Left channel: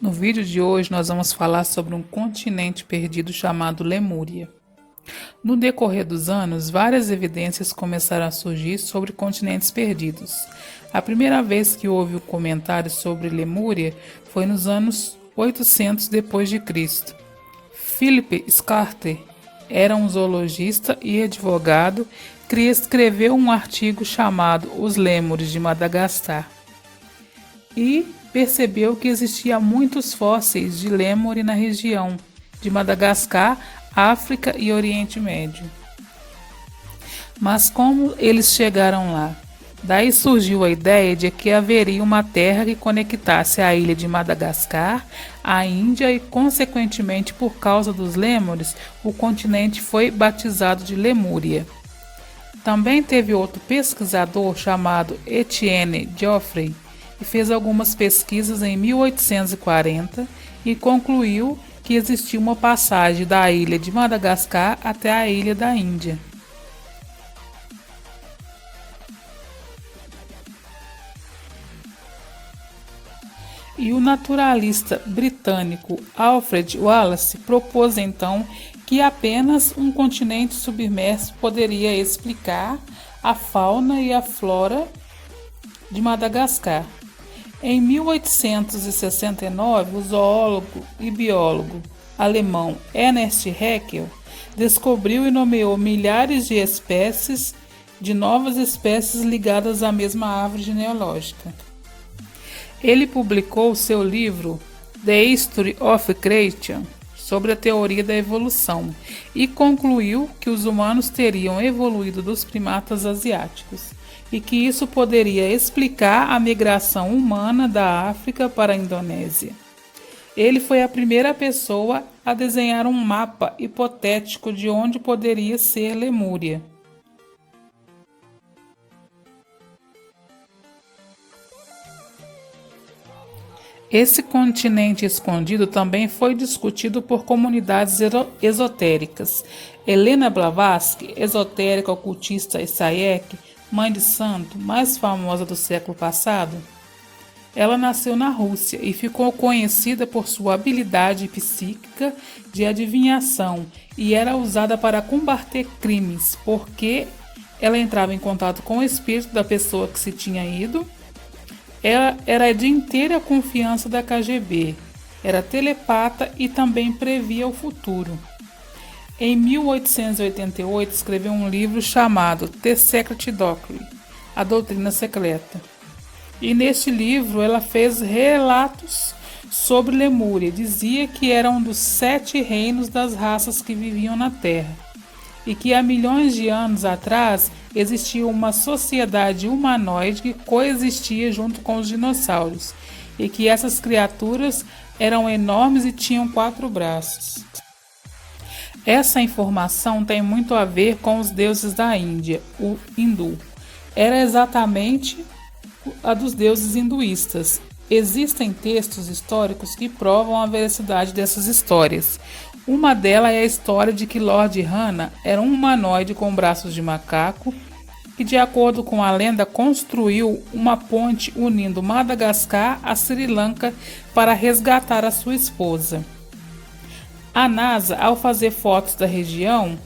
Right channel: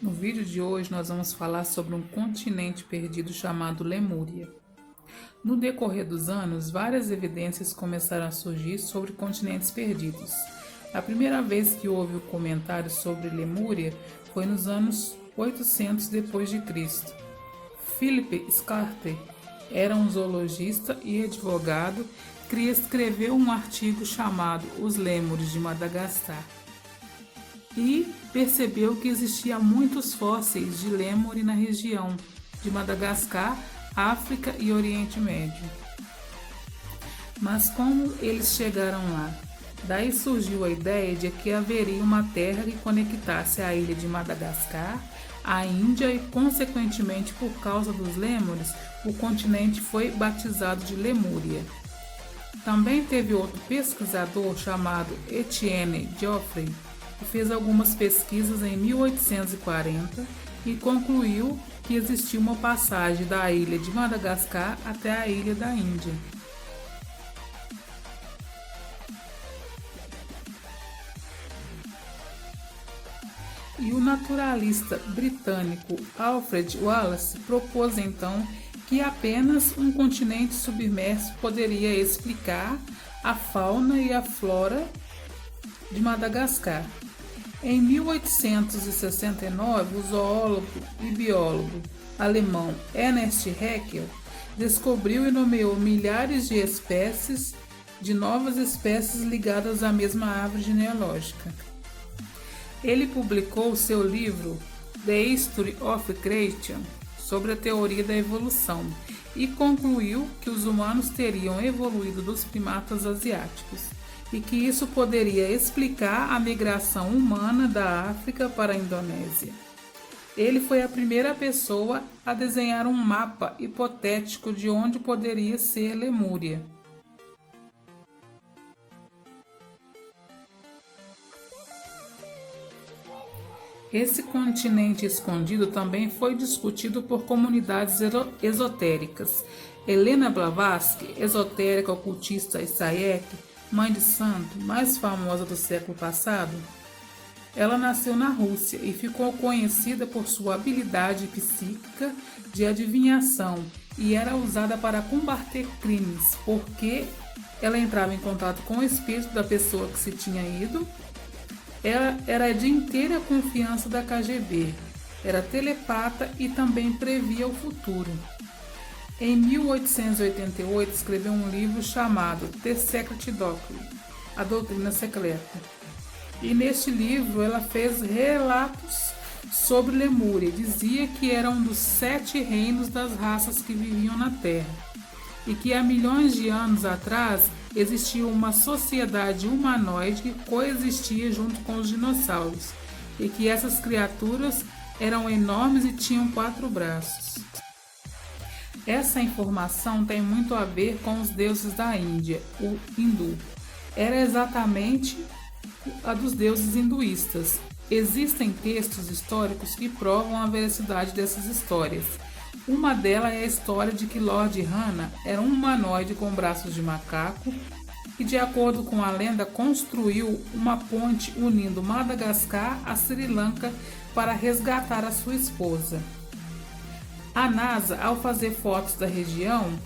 No vídeo de hoje nós vamos falar sobre um continente perdido chamado Lemúria. No decorrer dos anos, várias evidências começaram a surgir sobre continentes perdidos. A primeira vez que houve um comentário sobre Lemúria foi nos anos 800 depois de Cristo. Philip Scarter era um zoologista e advogado que escreveu um artigo chamado Os Lêmures de Madagascar e percebeu que existia muitos fósseis de lêmure na região de Madagascar, África e Oriente Médio. Mas como eles chegaram lá? Daí surgiu a ideia de que haveria uma terra que conectasse a ilha de Madagascar à Índia e, consequentemente, por causa dos lêmures, o continente foi batizado de Lemúria. Também teve outro pesquisador chamado Etienne Geoffroy, que fez algumas pesquisas em 1840 e concluiu que existia uma passagem da ilha de Madagascar até a ilha da Índia. E o naturalista britânico Alfred Wallace propôs então que apenas um continente submerso poderia explicar a fauna e a flora de Madagascar. Em 1869, o zoólogo e biólogo alemão Ernst Haeckel descobriu e nomeou milhares de espécies de novas espécies ligadas à mesma árvore genealógica. Ele publicou seu livro The History of Creation sobre a teoria da evolução e concluiu que os humanos teriam evoluído dos primatas asiáticos e que isso poderia explicar a migração humana da África para a Indonésia. Ele foi a primeira pessoa a desenhar um mapa hipotético de onde poderia ser Lemúria. Esse continente escondido também foi discutido por comunidades esotéricas. Helena Blavatsky, esotérica ocultista Isayek, mãe de santo, mais famosa do século passado, ela nasceu na Rússia e ficou conhecida por sua habilidade psíquica de adivinhação e era usada para combater crimes, porque ela entrava em contato com o espírito da pessoa que se tinha ido. Ela era de inteira confiança da KGB, era telepata e também previa o futuro. Em 1888, escreveu um livro chamado The Secret Doctrine, A Doutrina Secreta. E neste livro ela fez relatos sobre Lemúria. Dizia que era um dos 7 reinos das raças que viviam na Terra e que há milhões de anos atrás existia uma sociedade humanoide que coexistia junto com os dinossauros e que essas criaturas eram enormes e tinham 4 braços. Essa informação tem muito a ver com os deuses da Índia, o hindu. Era exatamente a dos deuses hinduístas. Existem textos históricos que provam a veracidade dessas histórias. Uma delas é a história de que Lord Rana era um humanoide com braços de macaco que, de acordo com a lenda, construiu uma ponte unindo Madagascar a Sri Lanka para resgatar a sua esposa. A NASA, ao fazer fotos da região,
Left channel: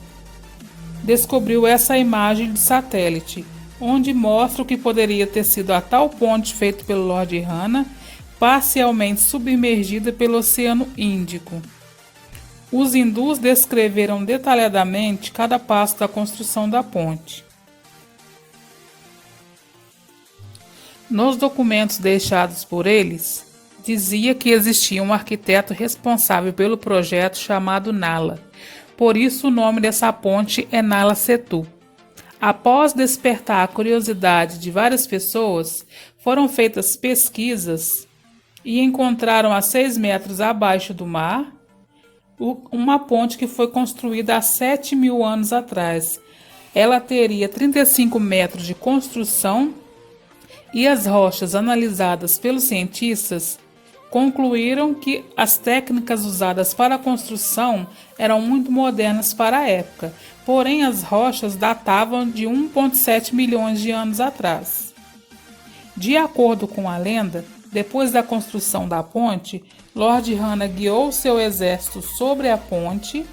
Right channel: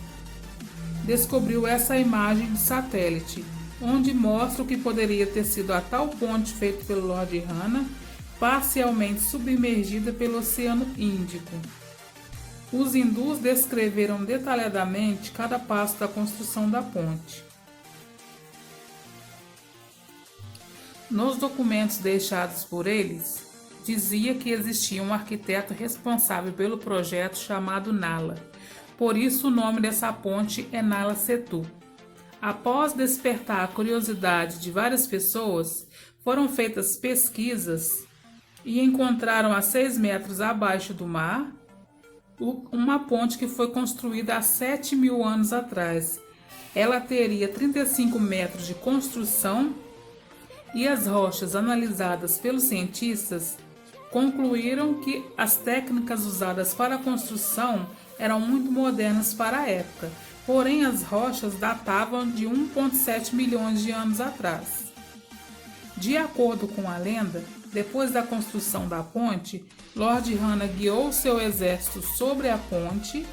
descobriu essa imagem de satélite, onde mostra o que poderia ter sido a tal ponte feita pelo Lord Rana, parcialmente submergida pelo Oceano Índico. Os hindus descreveram detalhadamente cada passo da construção da ponte. Nos documentos deixados por eles, dizia que existia um arquiteto responsável pelo projeto chamado Nala. Por isso o nome dessa ponte é Nala Setu. Após despertar a curiosidade de várias pessoas, foram feitas pesquisas e encontraram a 6 metros abaixo do mar uma ponte que foi construída há 7.000 anos atrás. Ela teria 35 metros de construção e as rochas analisadas pelos cientistas concluíram que as técnicas usadas para a construção eram muito modernas para a época, porém as rochas datavam de 1,7 milhões de anos atrás. De acordo com a lenda, Depois da construção da ponte, Lord Hanna guiou seu exército sobre a ponte,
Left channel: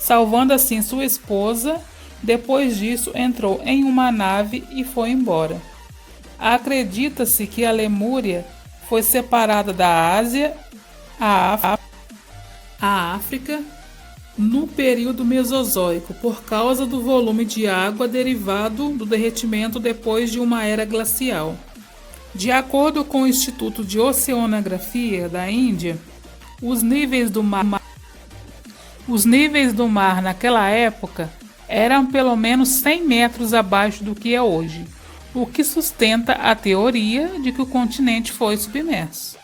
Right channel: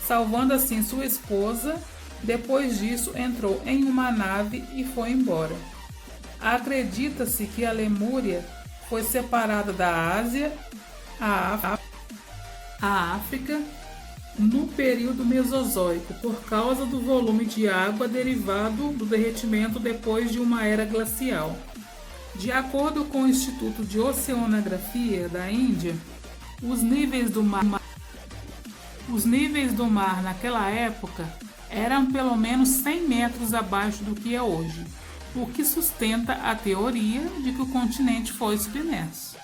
salvando assim sua esposa. Depois disso, entrou em uma nave e foi embora. Acredita-se que a Lemúria foi separada da Ásia, a África, no período Mesozoico, por causa do volume de água derivado do derretimento depois de uma era glacial. De acordo com o Instituto de Oceanografia da Índia, os níveis do mar naquela época eram pelo menos 100 metros abaixo do que é hoje, o que sustenta a teoria de que o continente foi submerso.